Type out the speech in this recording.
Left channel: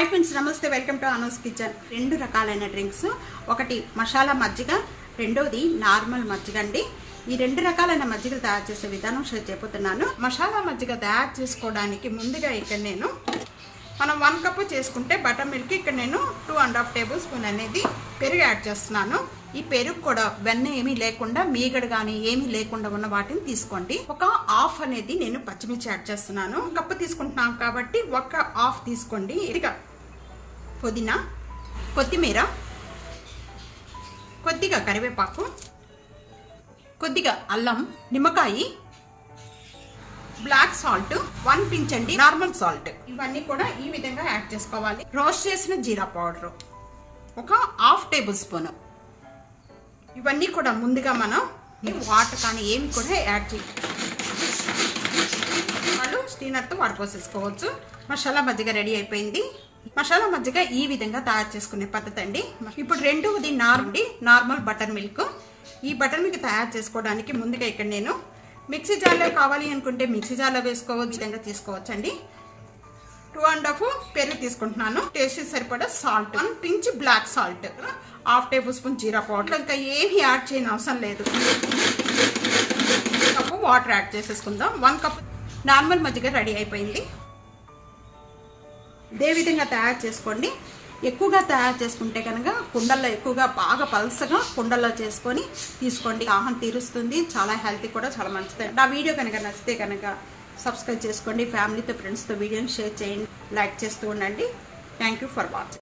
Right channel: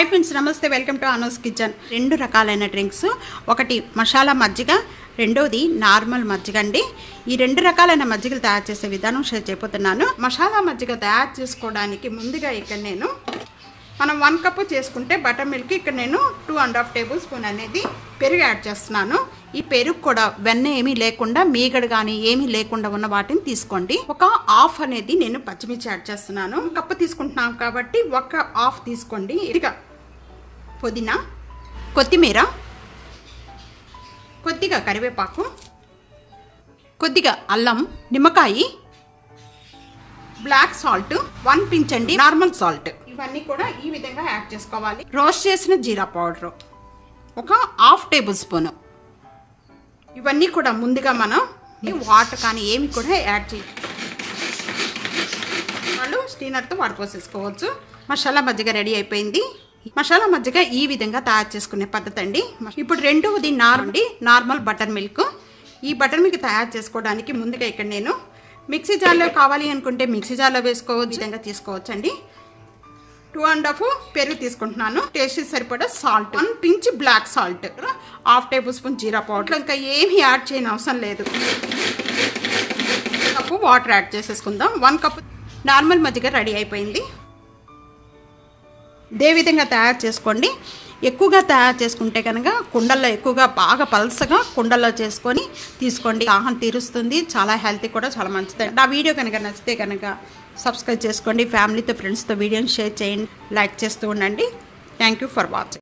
hi friends नमस्ते welcome to Anus kitchen రెండు రకాలైన డ్రింక్స్ ఒకటి మసాలా మజ్జిగ రెండోది నార్మల్ మజ్జిగ అండి ఈ రెండు రకాలైన మజ్జిగలు తయారు చేసే విధానం షేర్ చేయబోతున్నాను మసాలా మజ్జిగ తయారు చేసుకోవడానికి ముందుగా ఇక్కడ నేను మనం 1 కప్ చేసుకుంటే బటర్ మిల్క్ ఇక్కడ నేను 2.5 టేబుల్ స్పూన్ అనేది పెరుగు యాడ్ చేస్తున్నాను ఈ పెరుగు కూడా వెన్న ఏమీ లేకుండా మీగడ గాని ఏమీ లేకుండా ఉన్న వాటిని తీసుకోండి ఒక హాఫ్ అనేది నేను పచ్చిమిర్చి యాడ్ చేస్తున్నాను కప్పు తీసుకుంటున్నాం కాబట్టి ఒక హాఫ్ తీసుకోండి ఇదిగా పుదీనా కొత్తిమీర కొద్దిగా కరివేపాకు కొద్దిగా అల్లం నిమ్మకాయ బ్లాక్ సాల్ట్ 1 పించ్ అండి నార్మల్ సాల్ట్ ఇవన్నీ కూడా ఈ విధంగా యాడ్ చేసుకోవాలి రోస్ట్ చేసిన జీరా పౌడర్ ఒక హాఫ్ టేబుల్ స్పూన్ ఇవన్నీ కూడా ముందుగా మనం వాటర్ కానీ ఏమి కూడా యాడ్ చేయాలి వాళ్ళు స్టీనర్తో వాడుకోసేసుకోవచ్చు మసాలా మజ్జిగ రెడీ అయిపోయింది మసాలా మజ్జిగ ఈ విధంగా తయారు చేసుకునే పద్ధతి అండి ఇప్పుడు రెండోది నార్మల్ బటర్ మిల్క్ ఈ బటర్ మిల్క్ తయారు చేసుకోవడానికి ముందుగా ఇక్కడ నేను మిక్సీ జార్లో కావాలి అనుకుంటే మిక్సీ జార్లో వేసుకోవచ్చు విధంగా తీసుకోవచ్చు అండి 2.5 పెరుగు తీసుకుంటున్నాను టేస్ట్ సరిపడా salt 1 pinch black salt half tablespoon జీరా పౌడర్ ఇంకా ఏమి యాడ్ చేయని అవసరం లేదు కప్పు వాటర్ యాడ్ చేసేసుకుందాం 1 కప్ నార్మల్ మజ్జిగ రెడీ అయిపోయింది ఇదే విధంగా తయారు చేసుకోండి ఎక్కువగా తయారు చేసుకుంటే కనుక కుండల్లో ఎక్కువగా బాగా పల్సగా కుండల్లో చేసుకొని తీసుకోండి దాహం తీరుస్తుంది చాలా హెల్తీ కూడా చాలా మంచిది నా వీడియో కనుక నచ్చితే కనుక సబ్స్క్రైబ్ చేసుకోండి ఫ్యామిలీతో ఫ్రెండ్స్తో వీడియోని షేర్ చేయండి లైక్ చేస్తూ ఉండండి థ్యాంక్ యూ ఫర్ వాచింగ్